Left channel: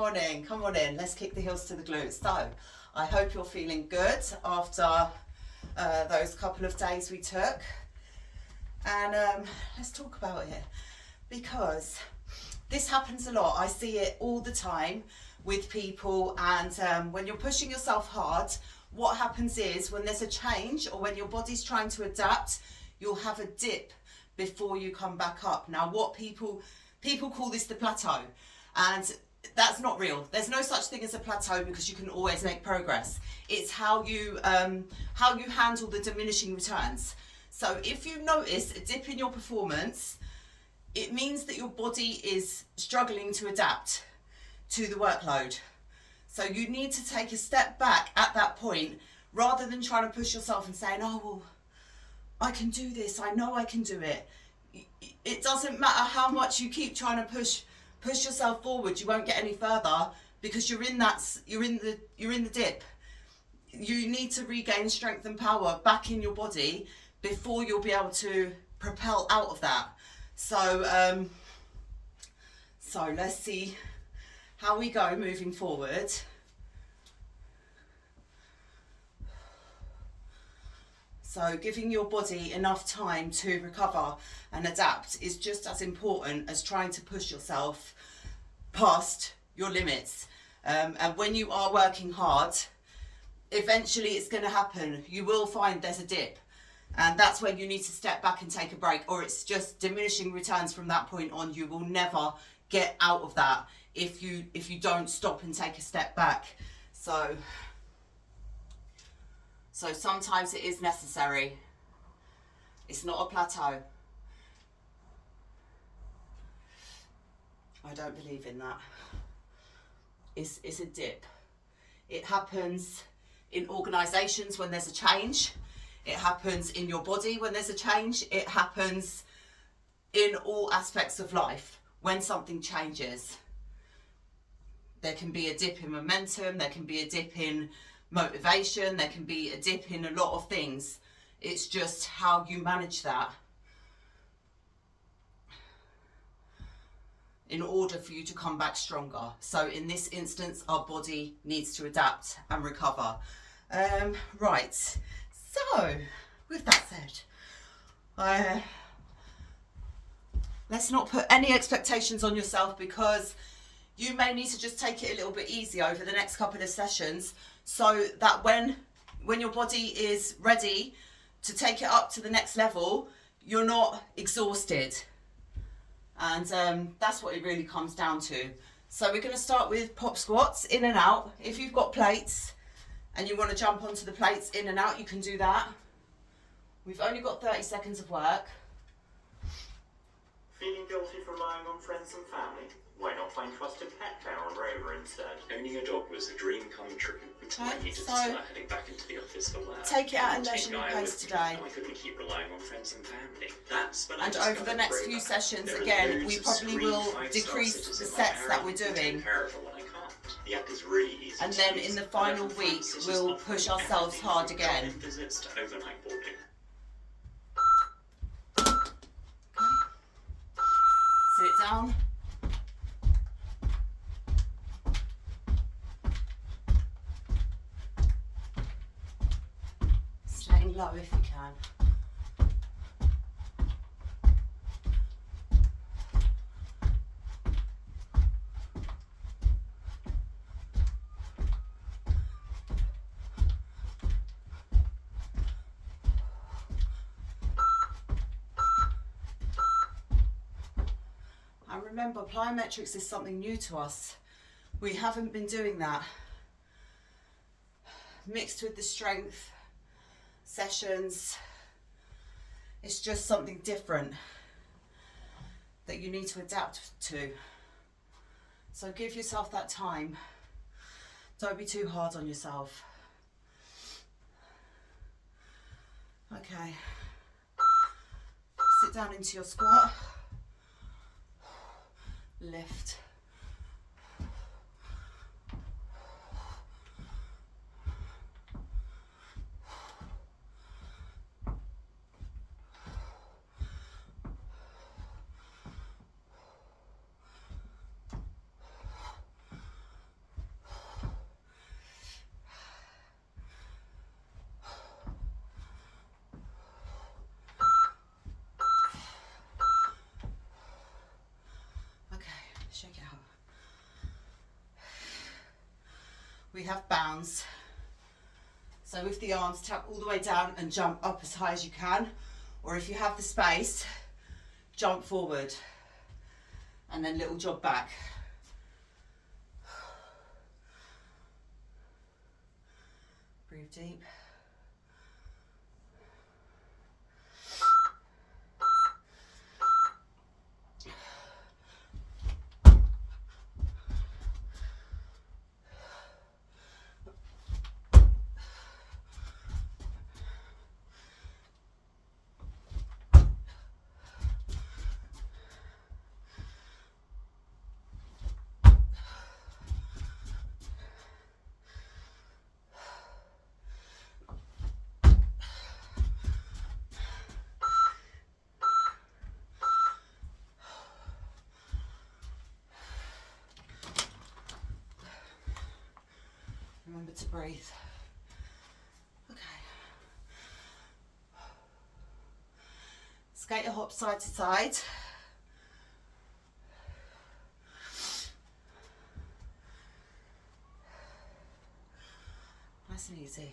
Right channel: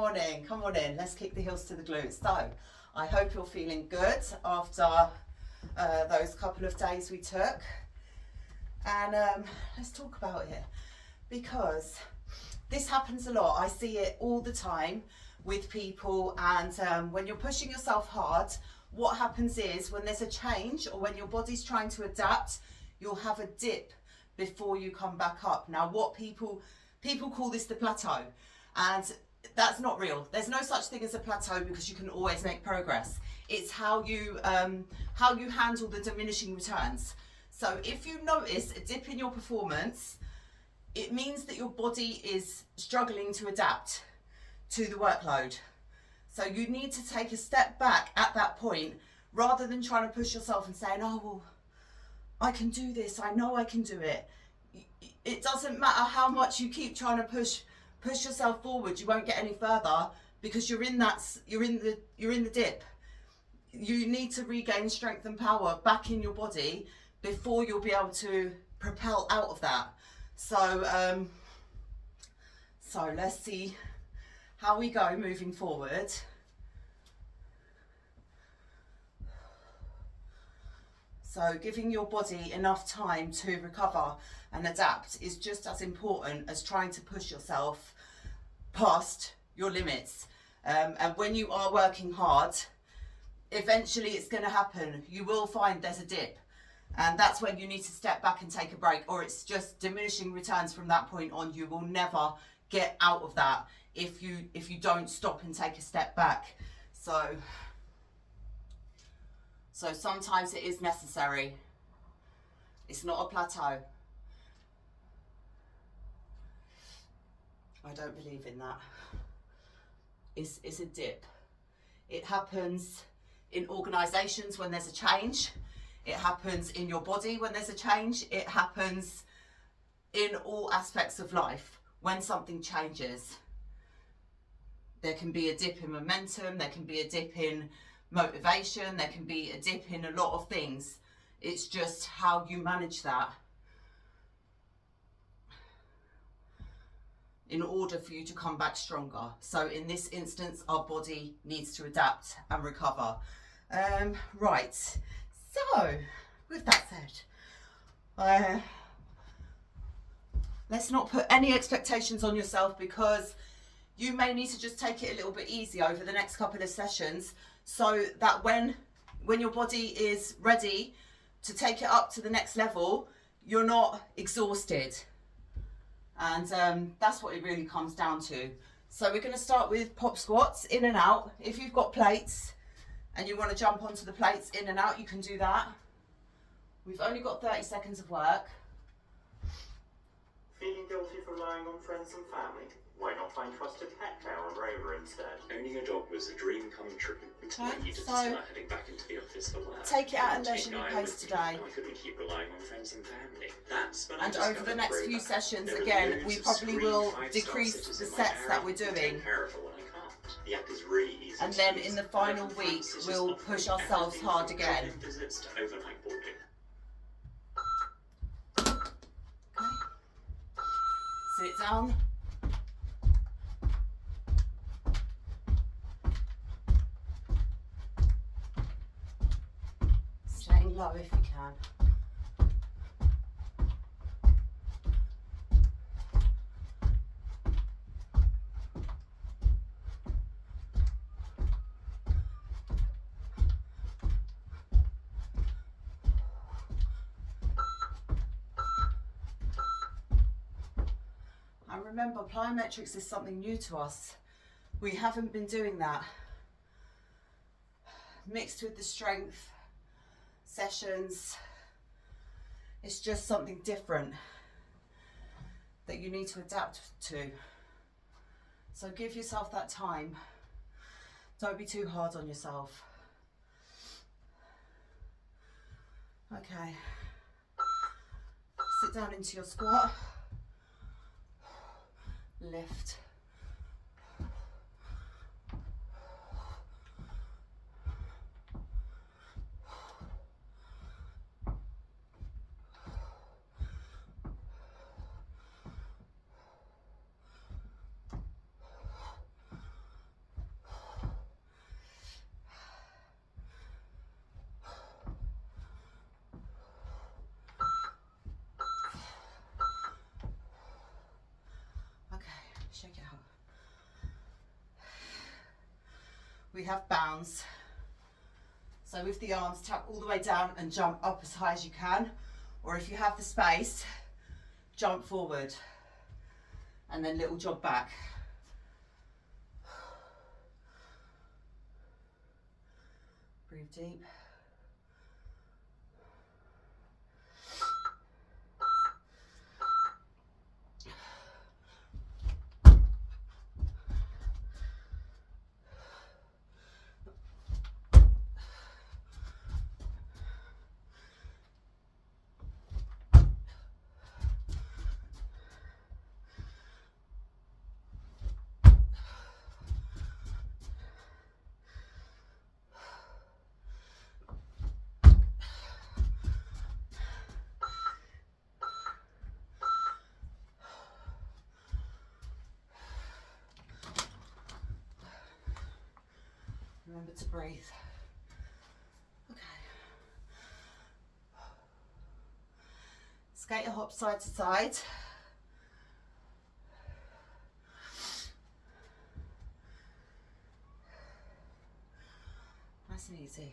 morning. Come on in. Let's kick the heels to the glutes. So, I hope you're feeling good after those couple of days we took. And let's talk about it, because this happens a lot. I see it all the time with people, and when you're pushing yourself hard, what happens is when there's a change or when your body's trying to adapt, you'll have a dip before you come back up. Now, what people call this the plateau, and that's not real. There's no such thing as a plateau, because you can always make progress. It's how you handle the diminishing returns. So if you notice a dip in your performance, it means that your body is struggling to adapt to the workload. So you need to take a step back at that point, rather than trying to push yourself and saying, oh, well, I can do this, I know I can do it. It doesn't matter how much you keep trying to push yourself forward, you won't get any further, because you're in the dip. You need to regain strength and power back in your body before you'll be able to propel out of that. So so let's see how we go moving forward. So giving your body enough time to recover and adapt is just as important as trying to push yourself past your limits. And when you are working hard, eventually it's going to happen. You will find there's a dip, and that's when you need to step back and take a break, or it's just diminishing returns from that point on. You will never get out of that if you don't stop and take a step back. So sometimes it is necessary. It's not a plateau. I don't believe in that. It's a dip. It happens in organisations when there's a change. It happens in your body when there's a change. It happens in all aspects of life when something changes. There can be a dip in momentum, there can be a dip in motivation, there can be a dip in a lot of things. It's just how you manage that in order for you to come back stronger. So in this instance, our body needs to adapt and recover. Right, so with that said, let's not put any expectations on yourself, because you may need to just take it a little bit easy over the next couple of sessions, so that when your body is ready to take it up to the next level, you're not exhausted. And that's what it really comes down to. So we're going to start with pop squats, in and out. If you've got plates and you want to jump onto the plates in and out, you can do that. We've only got 30 seconds of work. Feeling guilty for relying on friends and family? Why not find trusted pet care on Rover instead? Owning a dog was a dream come true. I needed to start heading back into the office for work. Take it at a leisurely pace today. I couldn't keep relying on friends and family. And over the next few sessions, again, we probably will decrease the sets that we're doing. The app is really easy. And then in the final week, we'll push ourselves hard again. Visits to overnight boarding. Sit down. Staying low if you can. Remember, plyometrics is something new to us. We haven't been doing that. Mixed with the strength sessions, it's just something different that you need to adapt to. So give yourself that time. Don't be too hard on yourself. Okay. Sit down into your squat. Lift. we have bounds. So with the arms, tap all the way down and jump up as high as you can. Or if you have the space, jump forward and then little jog back. Breathe deep. Remember to breathe. Okay. Skater hop side to side. Nice and easy.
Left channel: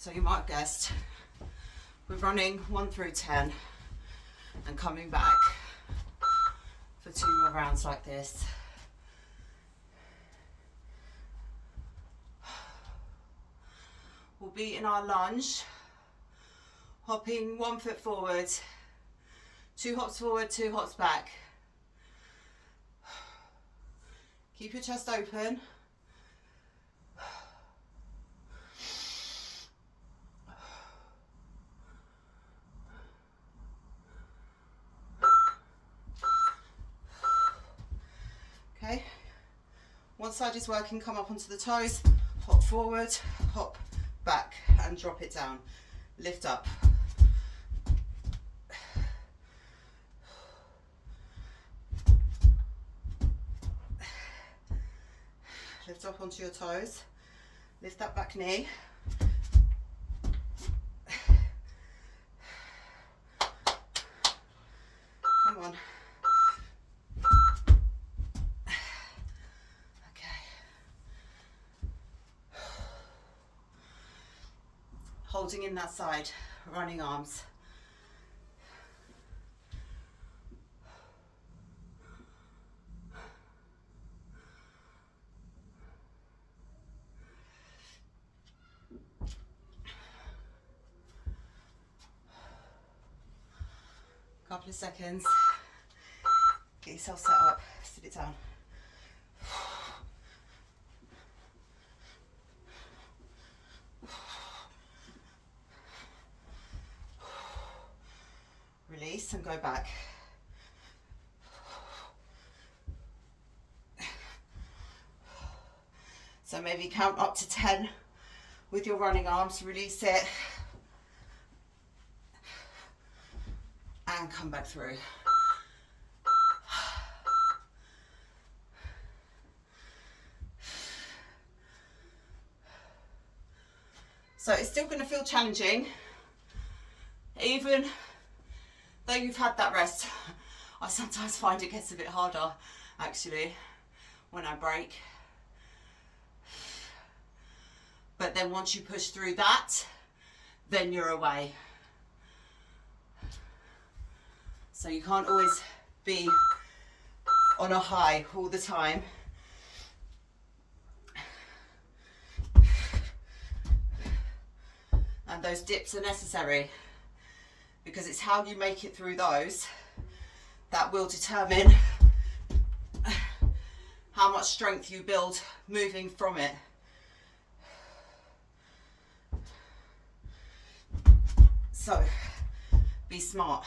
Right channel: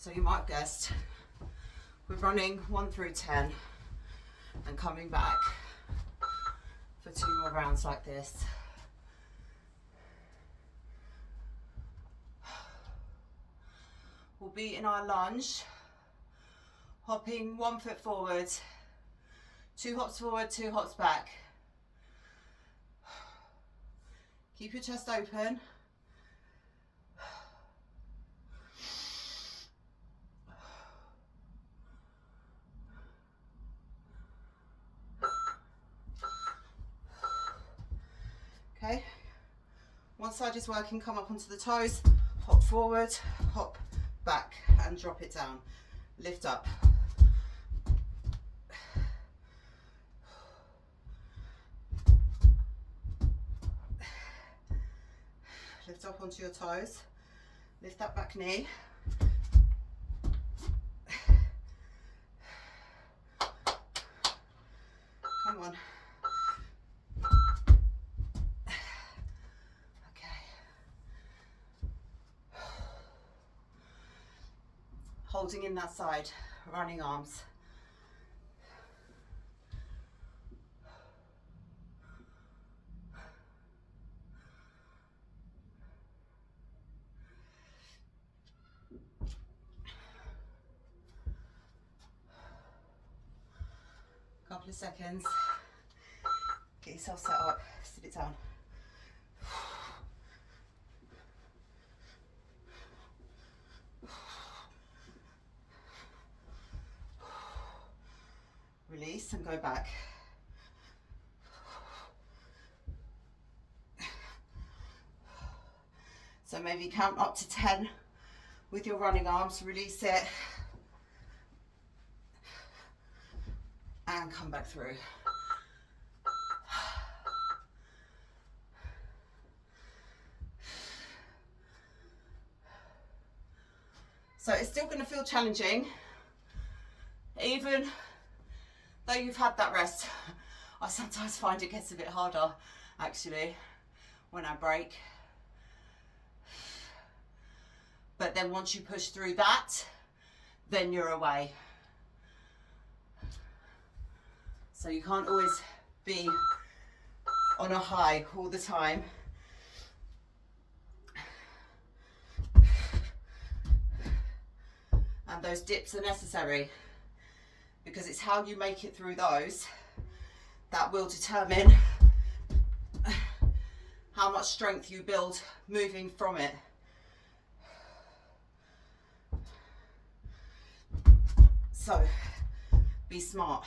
So you might have guessed, we're running 1 through 10 and coming back for 2 more rounds like this. We'll be in our lunge, hopping 1 foot forward, 2 hops forward, 2 hops back. Keep your chest open. Okay, one side is working, come up onto the toes, hop forward, hop back and drop it down, lift up. Lift up onto your toes, lift that back knee. Come on. Holding in that side, running arms. Couple of seconds. Get yourself set up, sit it down. Release and go back. So maybe count up to 10 with your running arms, release it and come back through. So it's still going to feel challenging even though you've had that rest. I sometimes find it gets a bit harder actually when I break. But then once you push through that, then you're away. So you can't always be on a high all the time. And those dips are necessary because it's how you make it through those that will determine how much strength you build moving from it. So be smart.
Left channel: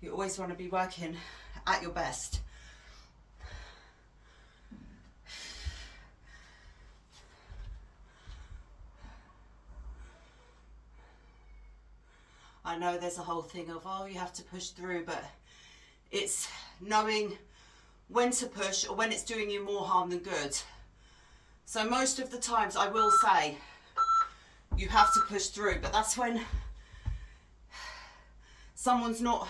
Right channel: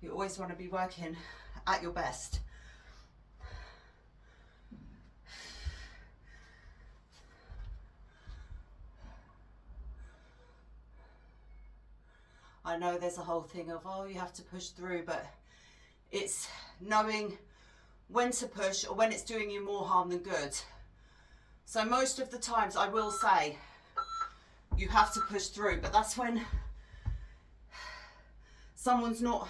You always want to be working at your best. I know there's a whole thing of, oh, you have to push through, but it's knowing when to push or when it's doing you more harm than good. So most of the times I will say you have to push through, but that's when someone's not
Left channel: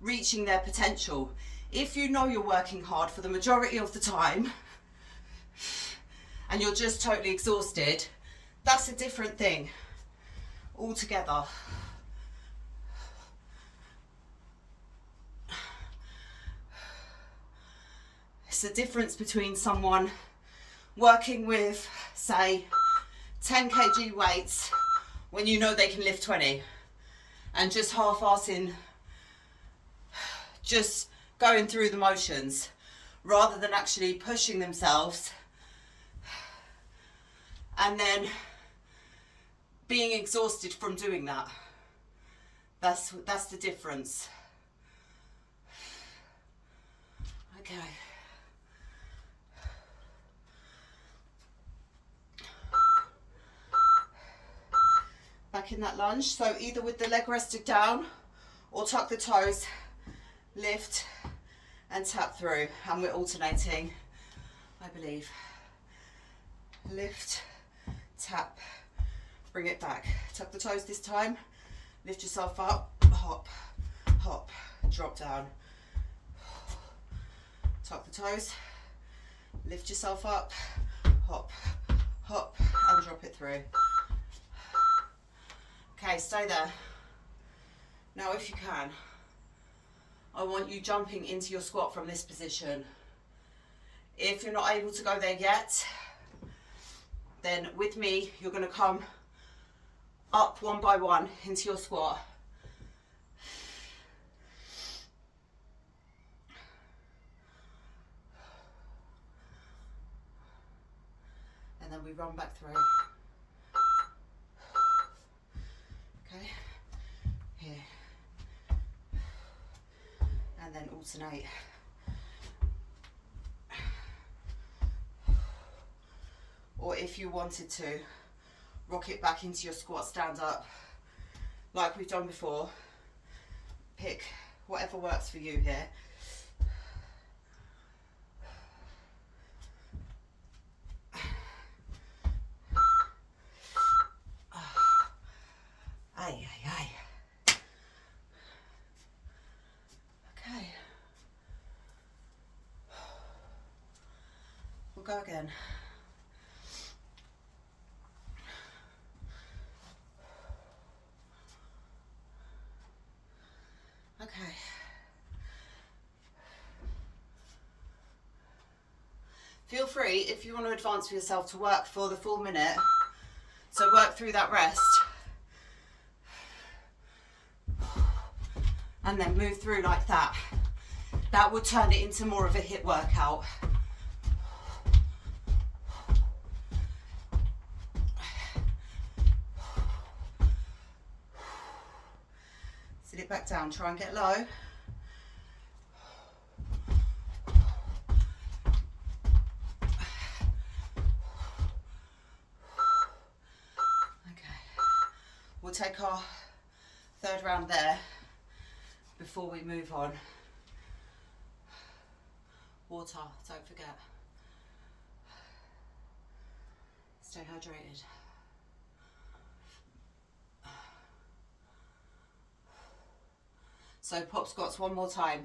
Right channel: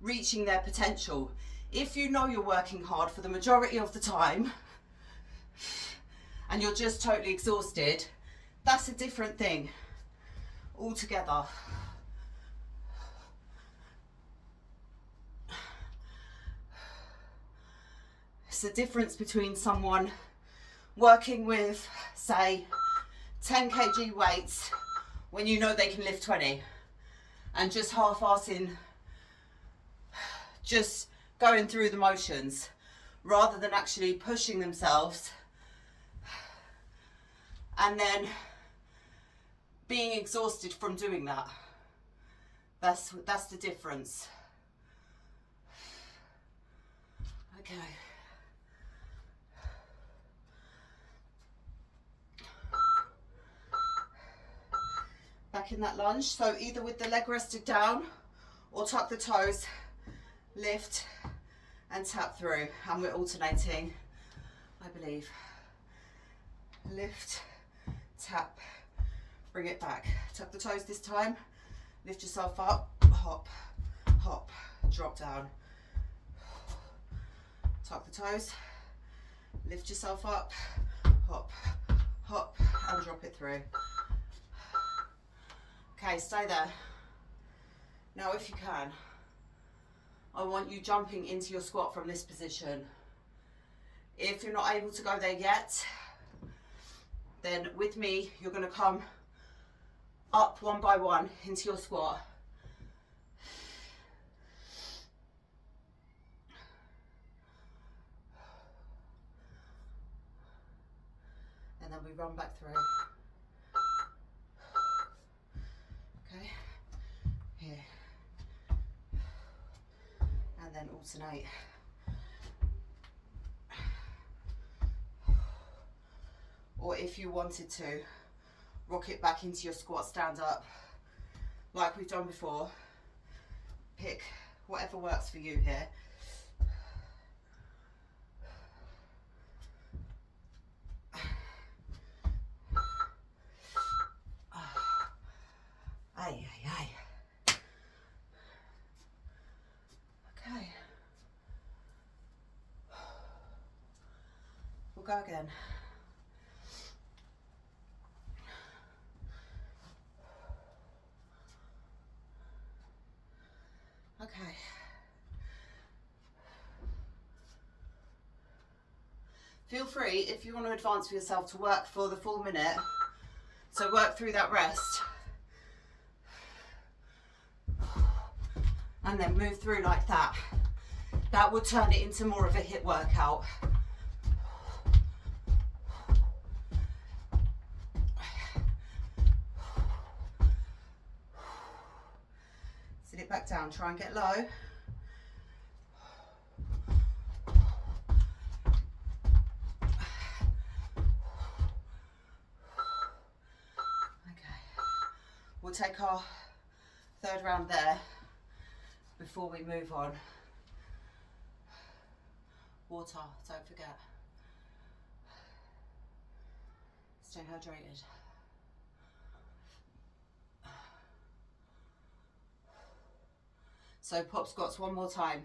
reaching their potential. If you know you're working hard for the majority of the time and you're just totally exhausted, that's a different thing altogether. It's the difference between someone working with, say, 10 kg weights when you know they can lift 20 and just half-assing, just going through the motions rather than actually pushing themselves and then being exhausted from doing that. That's the difference. Okay. Back in that lunge, so either with the leg rested down or tuck the toes, lift and tap through, and we're alternating, I believe. Lift, tap, bring it back. Tuck the toes this time, lift yourself up, hop, hop, drop down. Tuck the toes, lift yourself up, hop, hop, and drop it through. Okay, stay there. Now if you can, I want you jumping into your squat from this position. If you're not able to go there yet, then with me, you're going to come up one by one into your squat. And then we run back through. Okay, here, and then alternate. Or if you wanted to, rock it back into your squat, stand up, like we've done before. Pick whatever works for you here. Aye, aye, aye. Okay. We'll go again. Okay. Feel free, if you want to advance for yourself, to work for the full minute. So work through that rest. And then move through like that. That will turn it into more of a HIIT workout. Sit it back down, try and get low. Okay, we'll take our third round there before we move on. Water, don't forget. Stay hydrated. So pop squats one more time.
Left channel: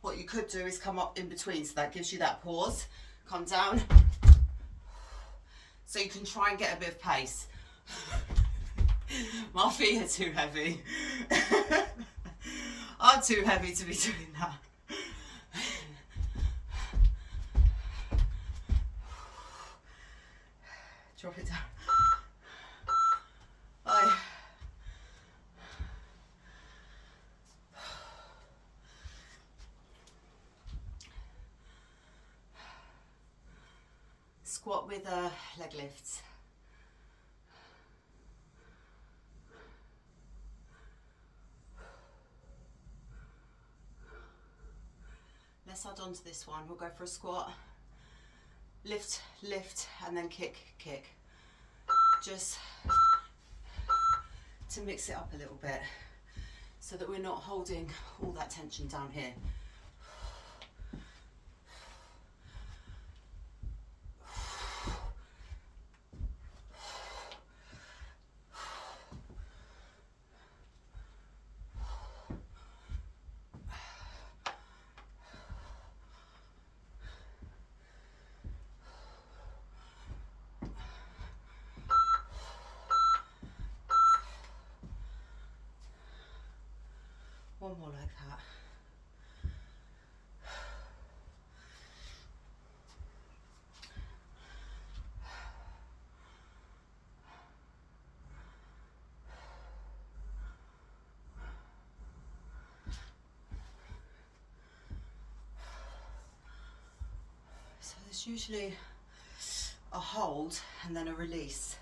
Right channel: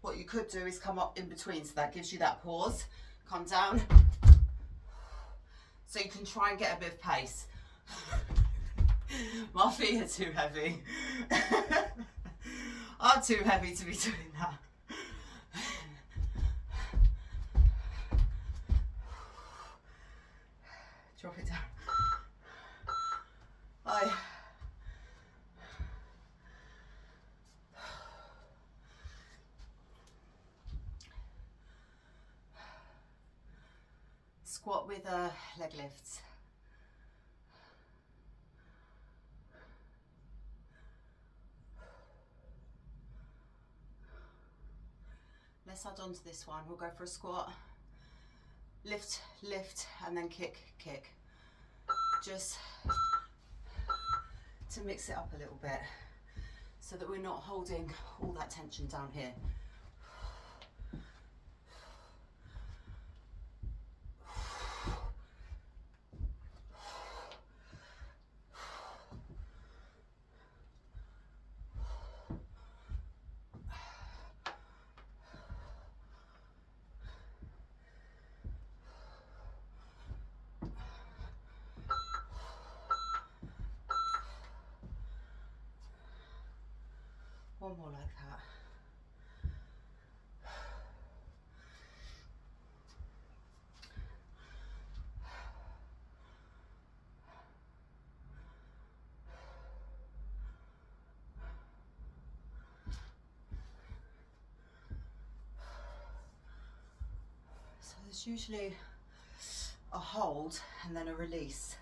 What you could do is come up in between, so that gives you that pause. Come down, so you can try and get a bit of pace. My feet are too heavy. I'm too heavy to be doing that. Drop it down. squat with leg lifts. Let's add on to this one. We'll go for a squat, lift, lift, and then kick, kick. Just to mix it up a little bit so that we're not holding all that tension down here. One more like that. So there's usually a hold and then a release,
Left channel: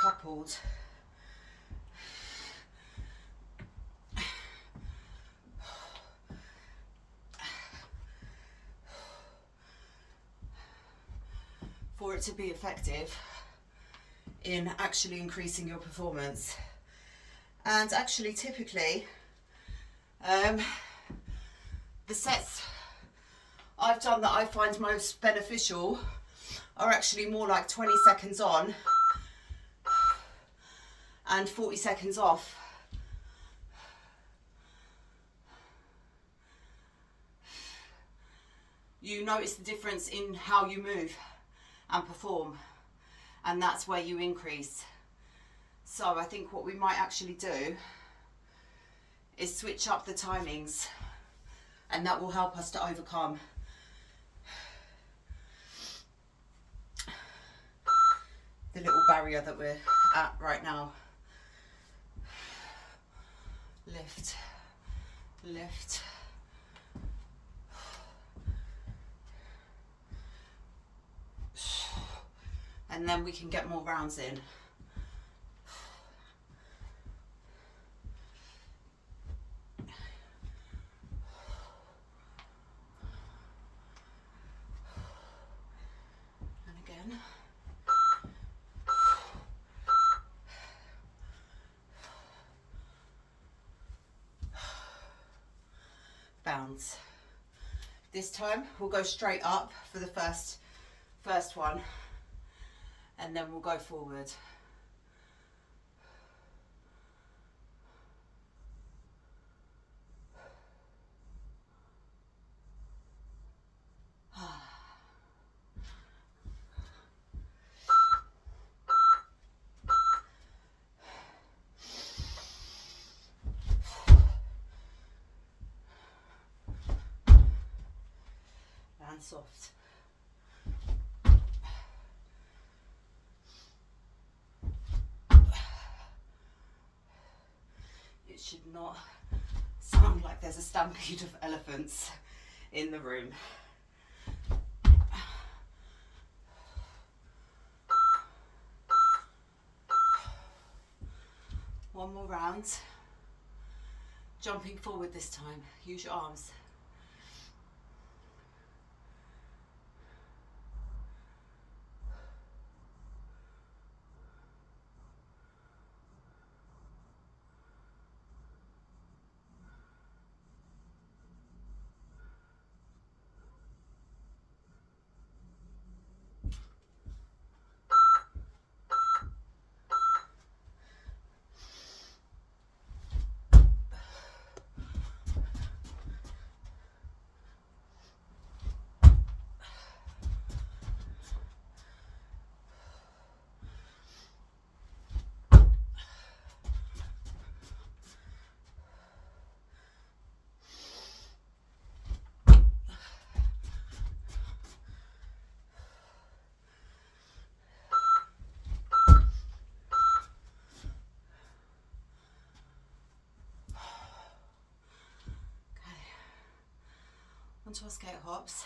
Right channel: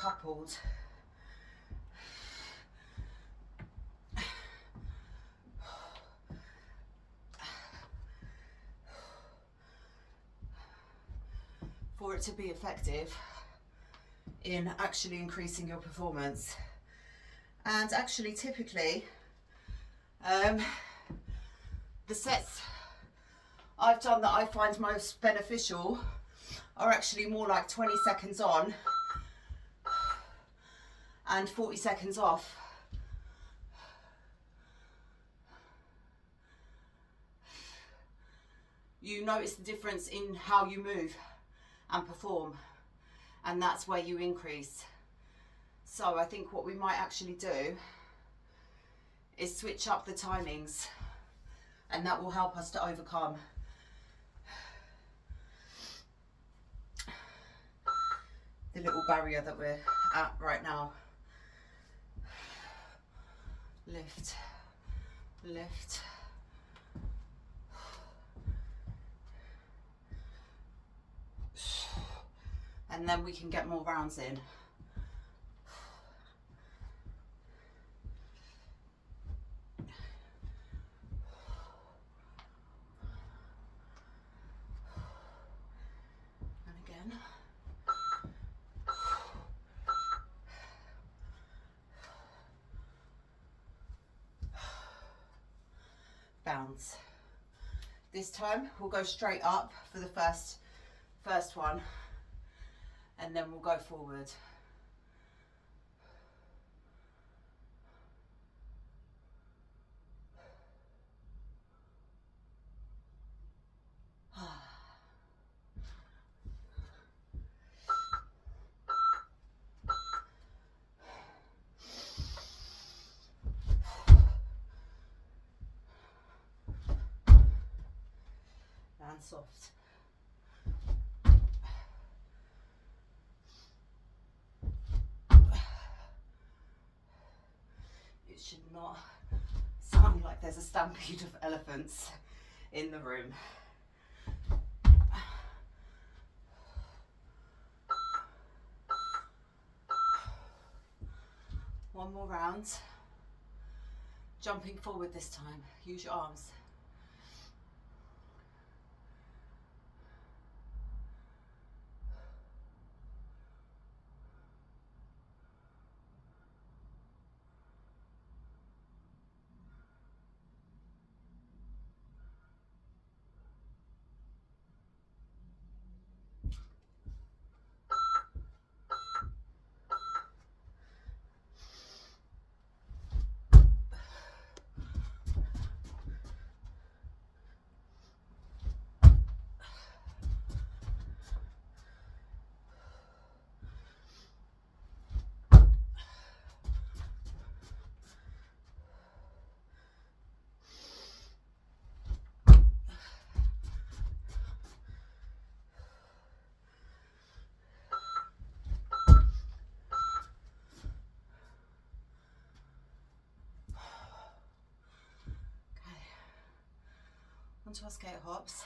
coupled. For it to be effective in actually increasing your performance. And actually typically the sets I've done that I find most beneficial are actually more like 20 seconds on and 40 seconds off. You notice the difference in how you move and perform, and that's where you increase. So I think what we might actually do is switch up the timings, and that will help us to overcome the little barrier that we're at right now. Lift, lift. And then we can get more rounds in. And again. Bounce. This time we'll go straight up for the first one, and then we'll go forward. And soft. It should not sound like there's a stampede of elephants in the room. One more round. Jumping forward this time. Use your arms. Onto our skate hops.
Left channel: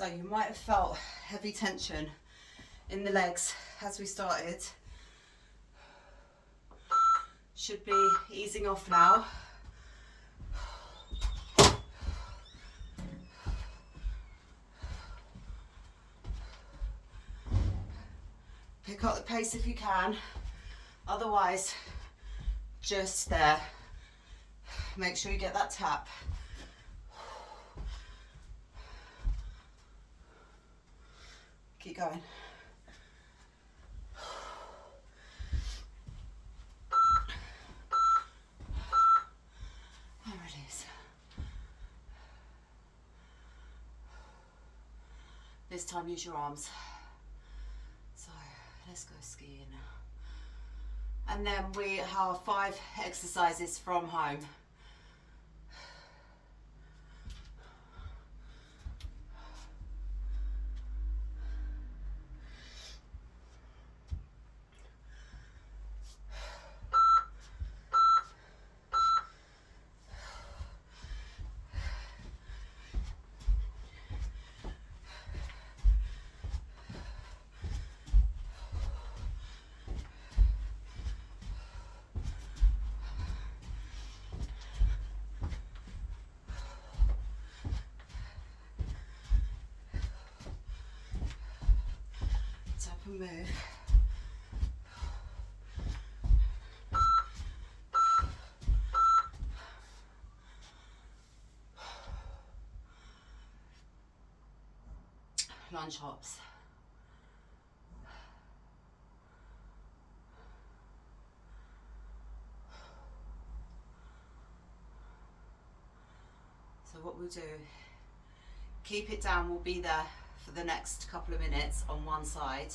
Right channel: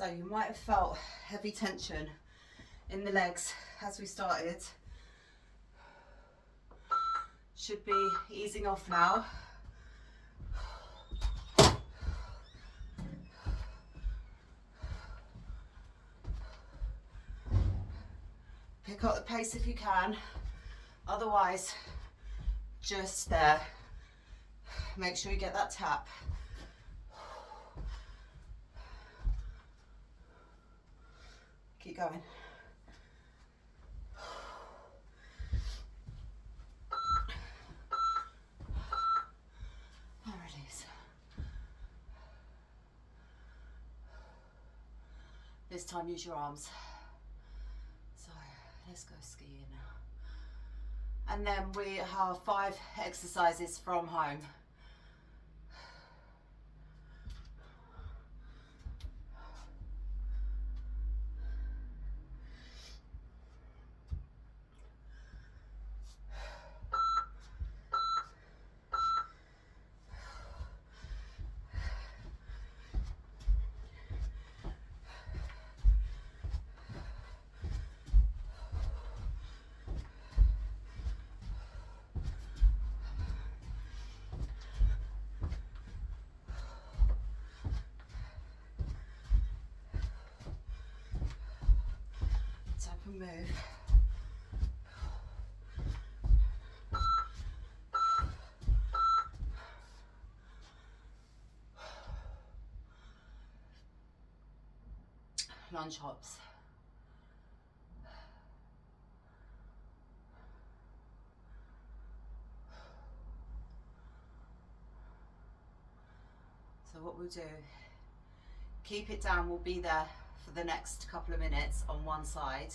So you might have felt heavy tension in the legs as we started. Should be easing off now. Pick up the pace if you can, otherwise just there. Make sure you get that tap. Keep going. And release. This time use your arms. So let's go skiing now. And then we have 5 exercises from home. Up and move. Lunge hops. So what we'll do, keep it down, we'll be there for the next couple of minutes on one side.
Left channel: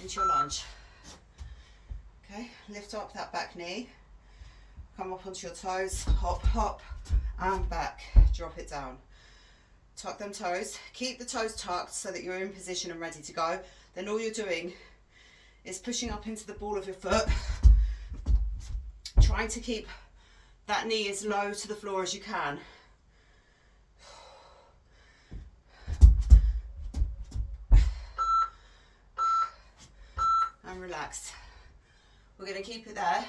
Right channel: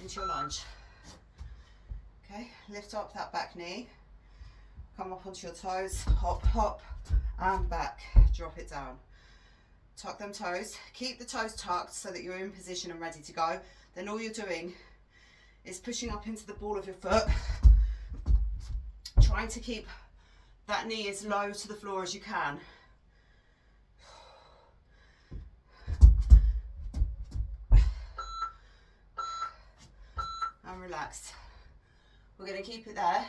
Into your lunge. Okay, lift up that back knee, come up onto your toes, hop, hop, and back, drop it down. Tuck them toes, keep the toes tucked so that you're in position and ready to go. Then all you're doing is pushing up into the ball of your foot, trying to keep that knee as low to the floor as you can. And relax. We're going to keep it there.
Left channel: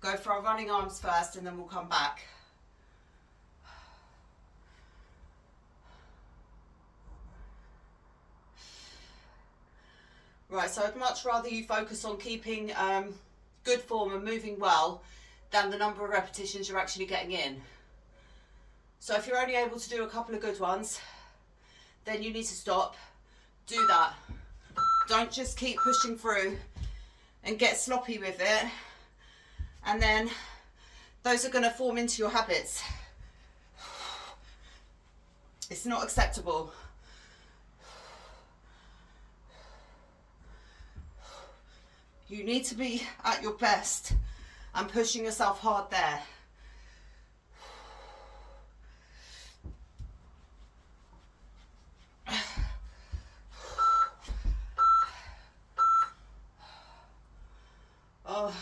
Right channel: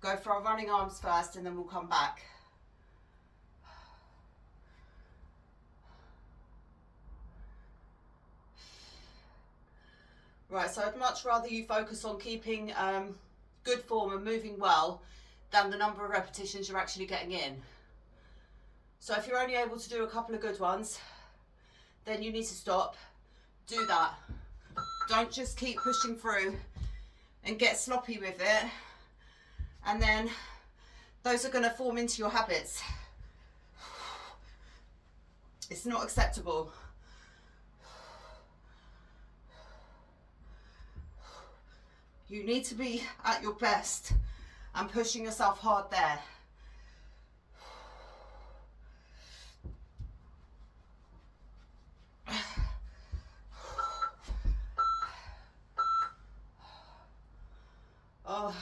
Go for our running arms first and then we'll come back. Right, so I'd much rather you focus on keeping good form and moving well than the number of repetitions you're actually getting in. So if you're only able to do a couple of good ones, then you need to stop. Do that. Don't just keep pushing through and get sloppy with it. And then those are going to form into your habits. It's not acceptable. You need to be at your best and pushing yourself hard there. Oh,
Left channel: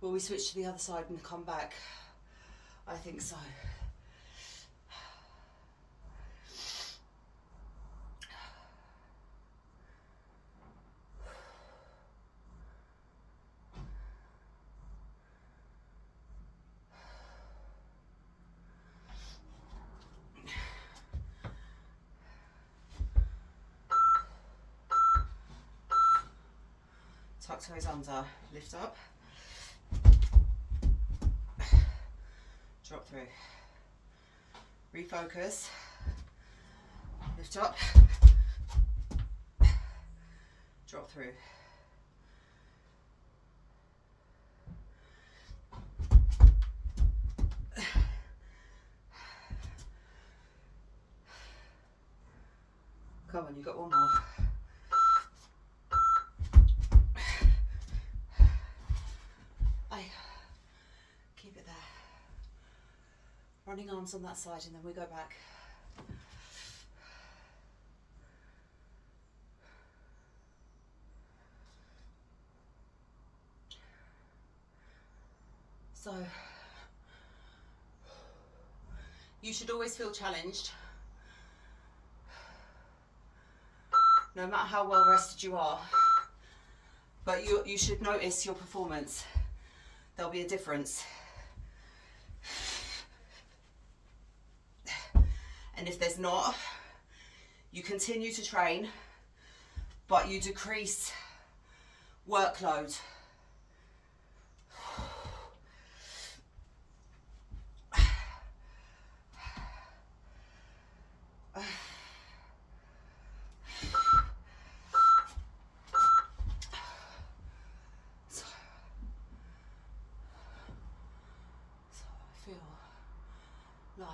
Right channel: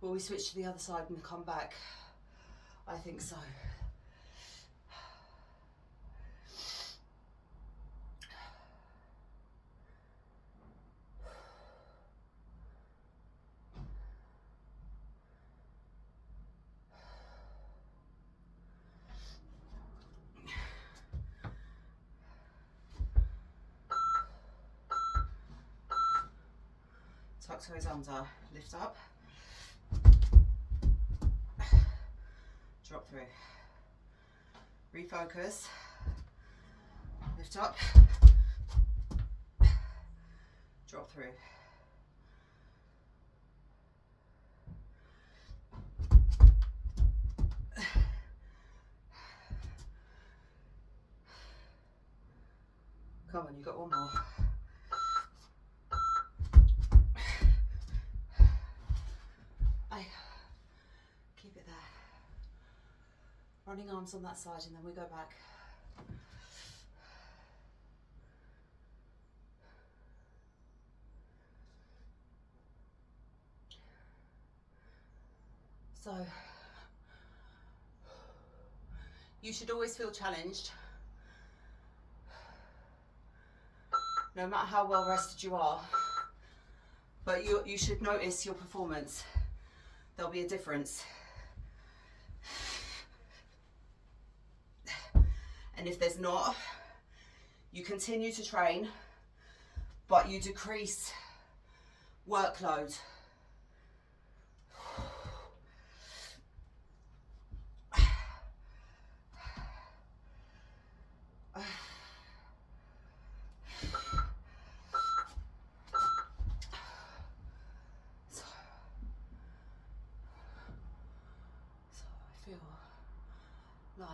will we switch to the other side and come back? I think so. Tuck toes under, lift up, drop through, refocus, lift up, drop through. Come on, you've got one more. Keep it there. Running arms on that side and then we go back. So You should always feel challenged, no matter how well rested you are. But you should notice your performance. There'll be a difference. And if there's not, you continue to train, but you decrease workload. So I feel like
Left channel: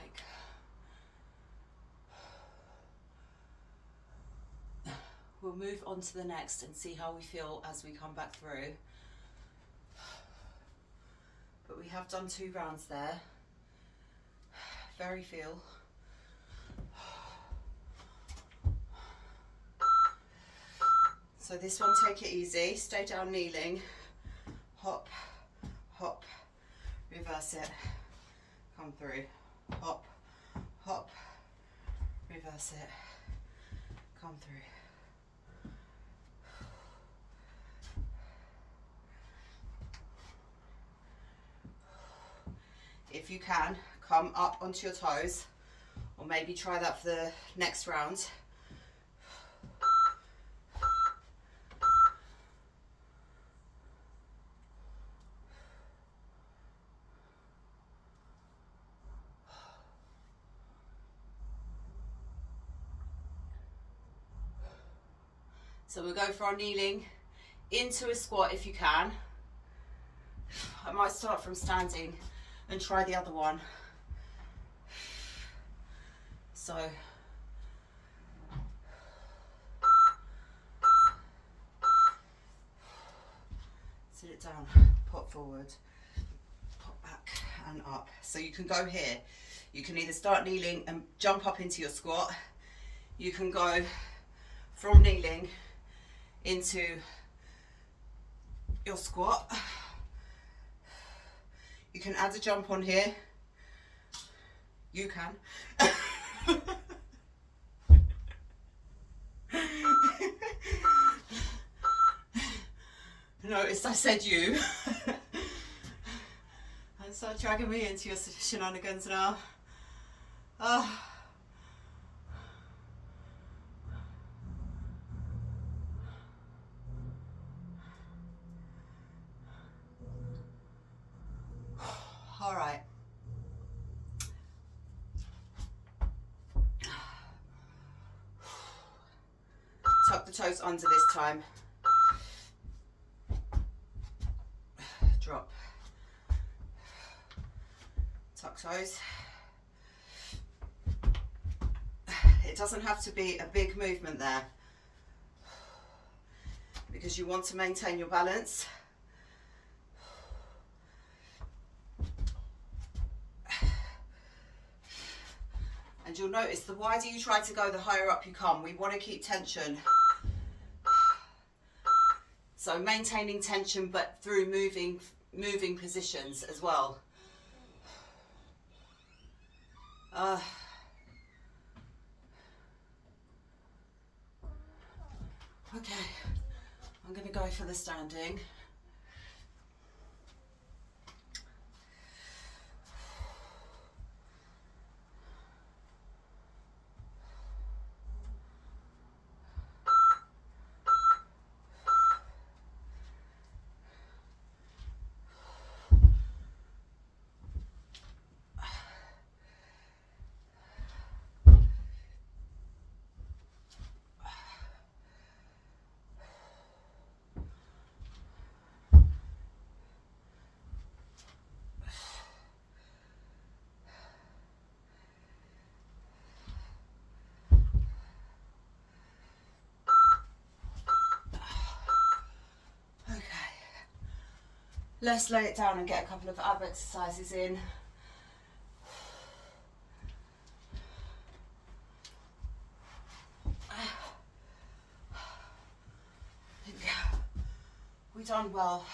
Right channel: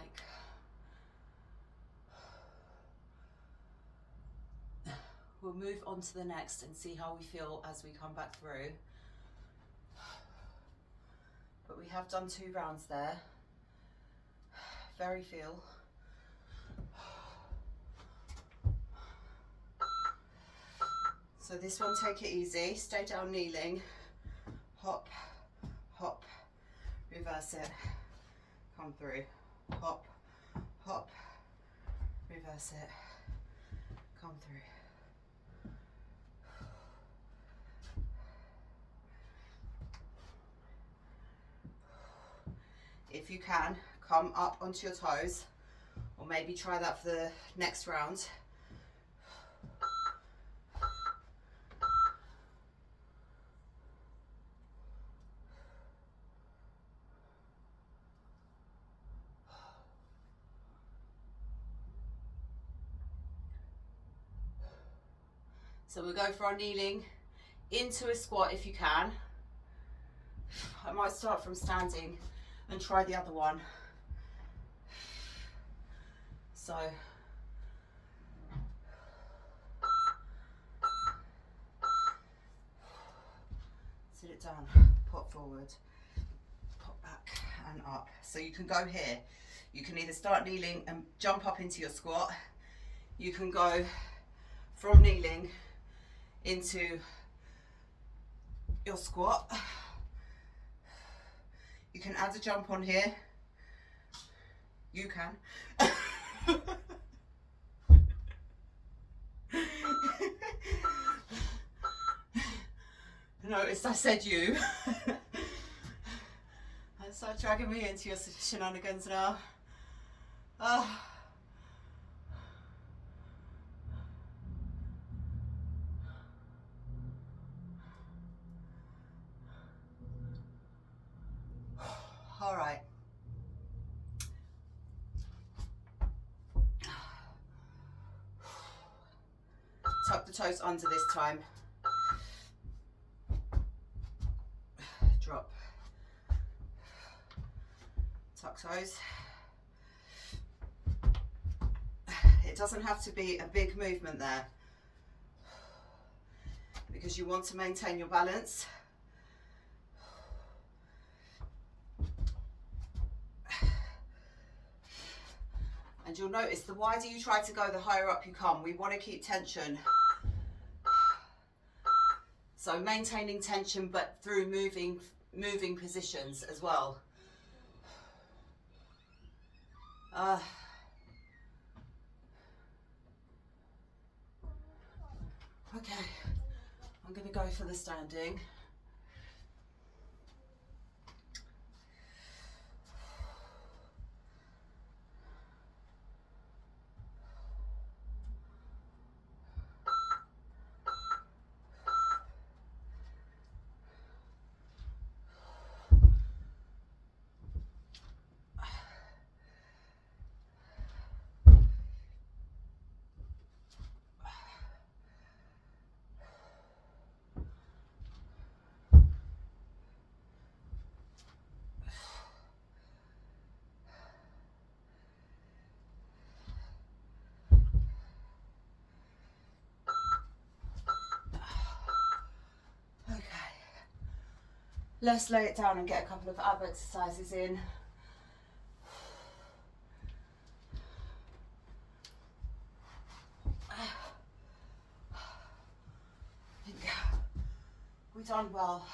we'll move on to the next and see how we feel as we come back through. But we have done 2 rounds there. Very feel. So this one, take it easy, stay down kneeling, hop, hop, reverse it, come through, hop, hop, reverse it, come through. If you can, come up onto your toes, or maybe try that for the next round. So we'll go for our kneeling into a squat if you can. I might start from standing and try the other one. So sit it down, pop forward, pop back and up. So you can go here. You can either start kneeling and jump up into your squat. You can go from kneeling into your squat. You can add a jump on here. You can. Notice I said you. And start dragging me into your shenanigans now. All right. Tuck the toes under this time. Drop. Tuck toes. It doesn't have to be a big movement there, because you want to maintain your balance. And you'll notice the wider you try to go, the higher up you come. We want to keep tension. So maintaining tension, but through moving positions as well. Okay, I'm going to go for the standing. Let's lay it down and get a couple of ab exercises in. We've done well.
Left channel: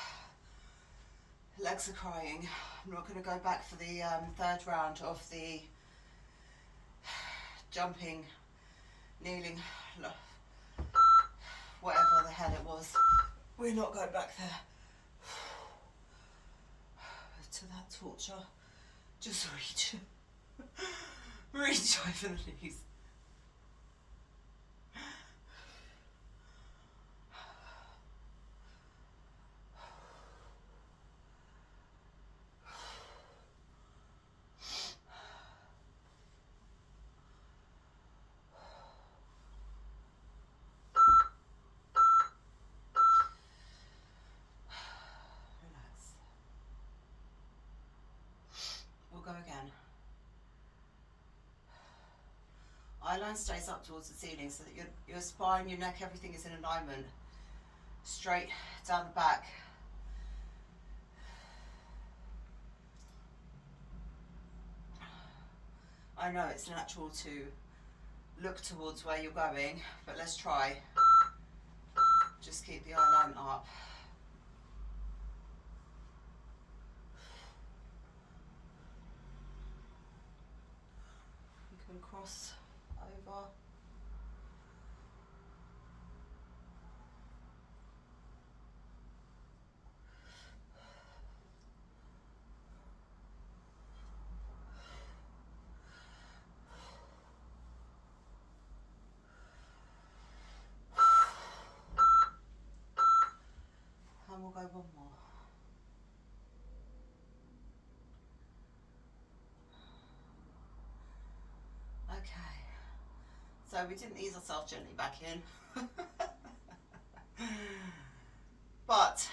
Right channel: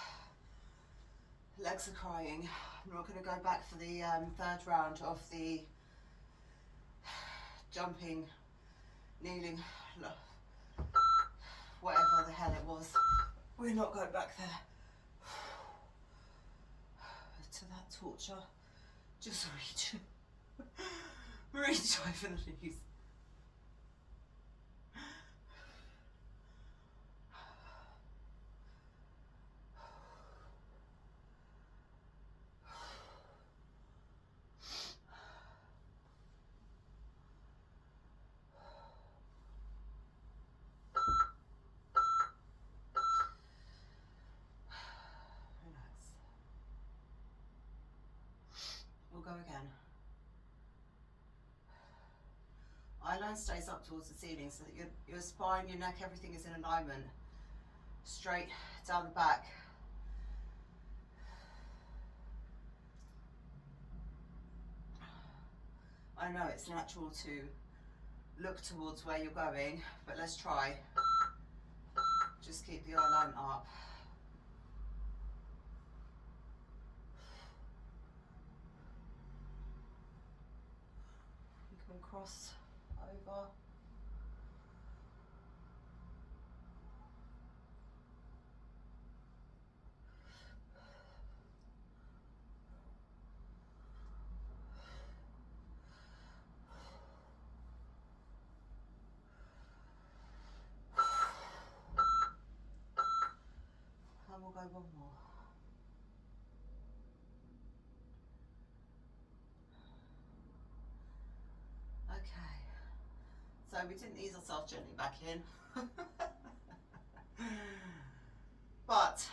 Legs are crying. I'm not going to go back for the third round of the jumping, kneeling, whatever the hell it was. We're not going back there. To that torture. Just reach. Reach over the knees. Go again. Eye line stays up towards the ceiling so that your spine, your neck, everything is in alignment. Straight down the back. I know it's natural to look towards where you're going, but let's try. Just keep the eye line up. Cross over. And we'll go one more. Okay, so we didn't ease ourselves gently back in. But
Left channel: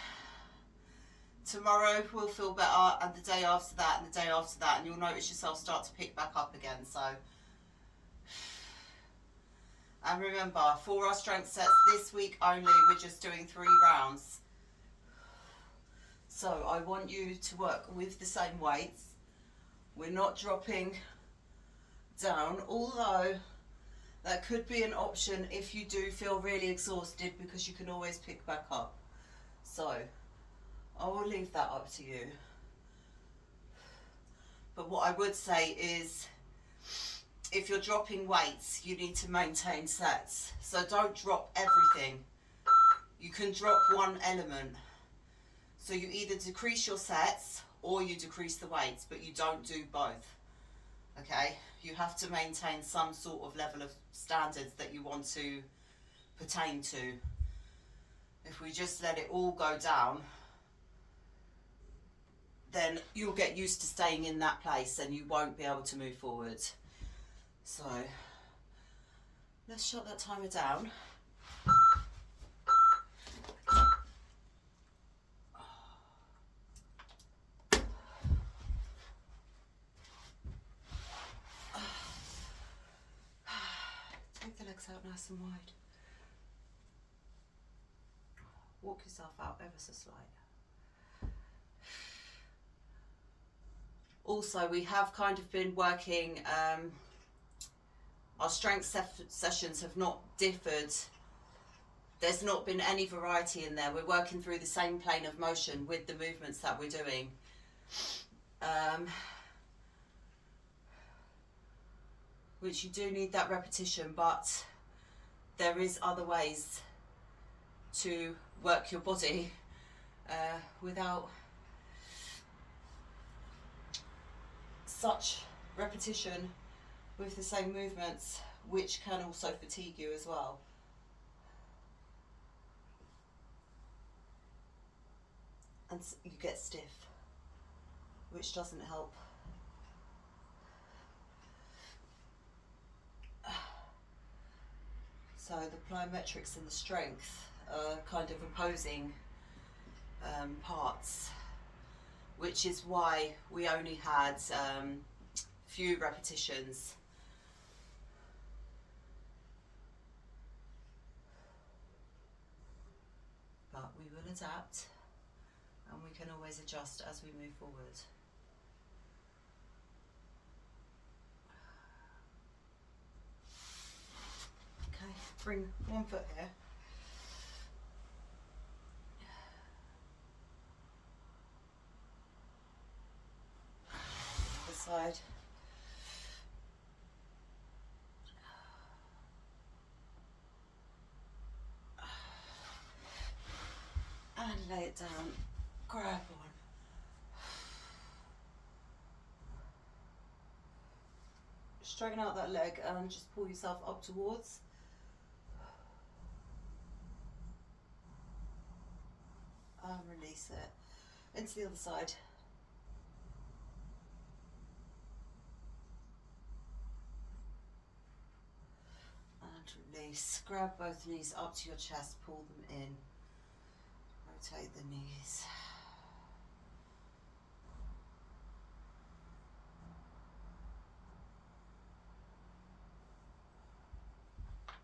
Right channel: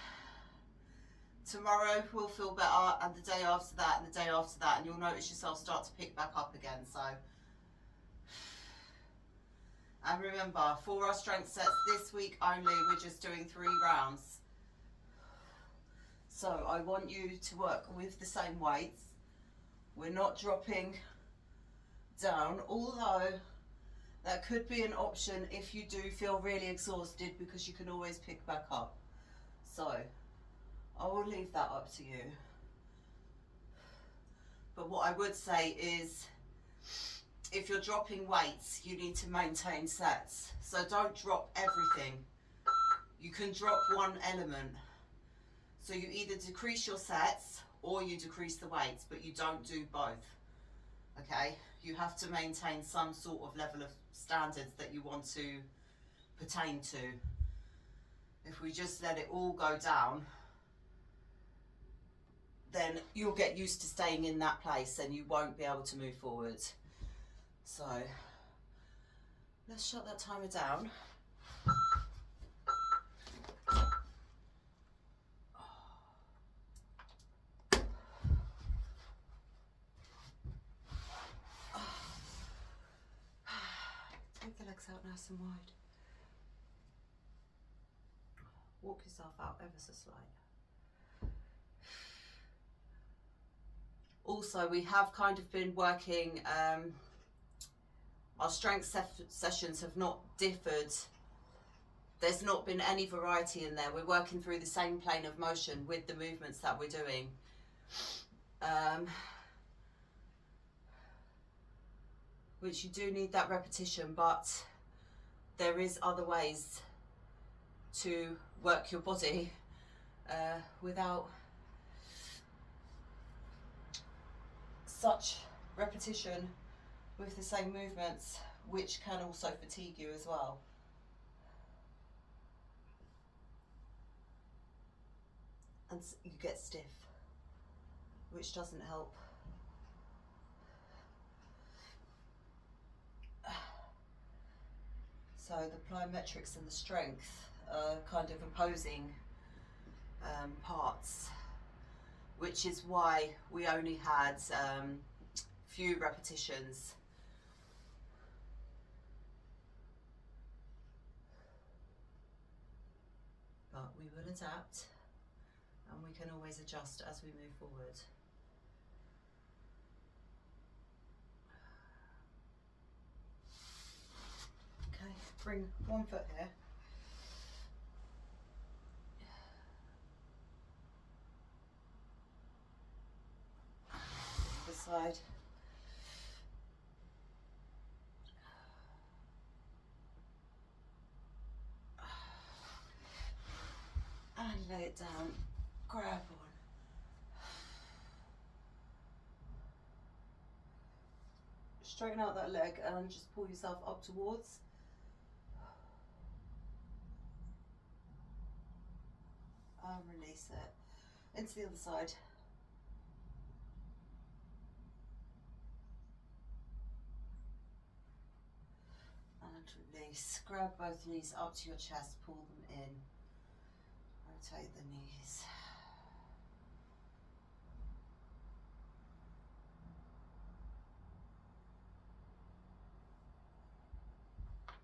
tomorrow we'll feel better, and the day after that, and the day after that, and you'll notice yourself start to pick back up again. So, and remember, for our strength sets this week only, we're just doing 3 rounds. So I want you to work with the same weights. We're not dropping down, although that could be an option if you do feel really exhausted, because you can always pick back up. So I will leave that up to you. But what I would say is, if you're dropping weights, you need to maintain sets. So don't drop everything. You can drop one element. So you either decrease your sets or you decrease the weights, but you don't do both. Okay? You have to maintain some sort of level of standards that you want to pertain to. If we just let it all go down, then you'll get used to staying in that place and you won't be able to move forward. So let's shut that timer down. Take the legs out nice and wide. Walk yourself out ever so slight. Also, we have kind of been working, our strength sessions have not differed. There's not been any variety in there. We're working through the same plane of motion with the movements that we're doing. Which you do need that repetition, but there is other ways to work your body without such repetition with the same movements, which can also fatigue you as well. And you get stiff, which doesn't help. So the plyometrics and the strength are kind of opposing parts, which is why we only had few repetitions. But we will adapt, and we can always adjust as we move forward. Okay, bring one foot here. Side. it down, grab on. Straighten out that leg and just pull yourself up towards. And release it into the other side. And release. Grab both knees up to your chest, pull them in. Rotate the knees.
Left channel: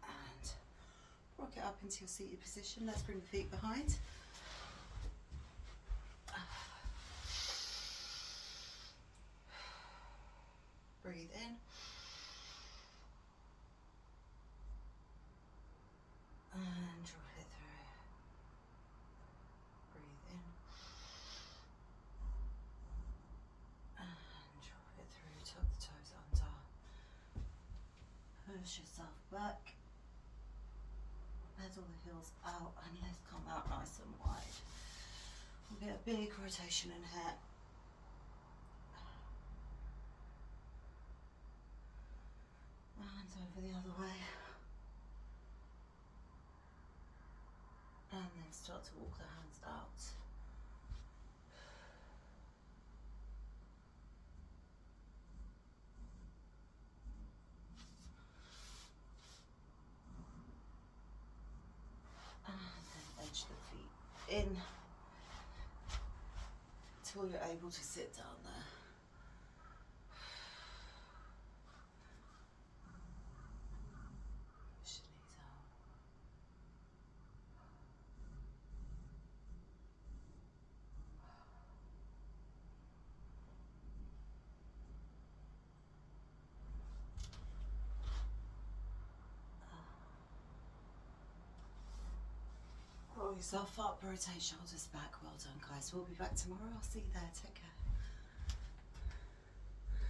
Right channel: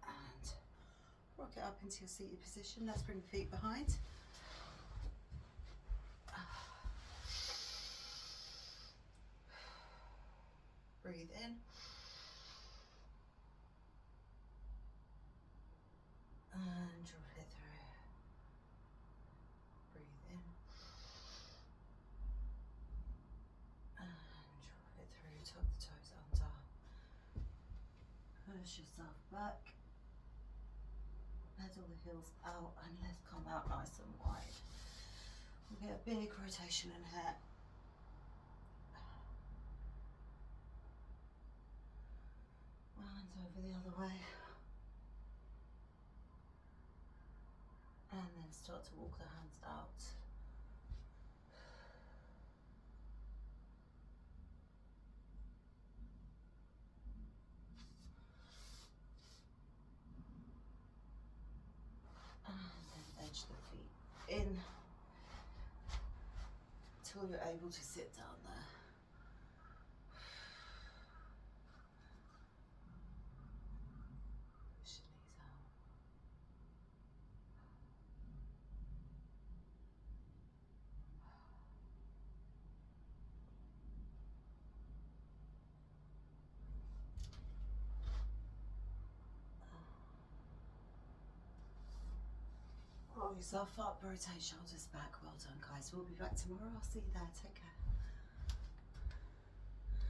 And rock it up into your seated position. Let's bring the feet behind. Breathe in. And drop it through. Breathe in. And drop it through. Tuck the toes under. Push yourself back. Pedal the heels out and let's come out nice and wide. We'll get a big rotation in here. And over the other way. And then start to walk the hands out. And then edge the feet in until you're able to sit down there. Push the knees out. Roll yourself up, rotate shoulders back. Well done, guys. We'll be back tomorrow. I'll see you there. Take care.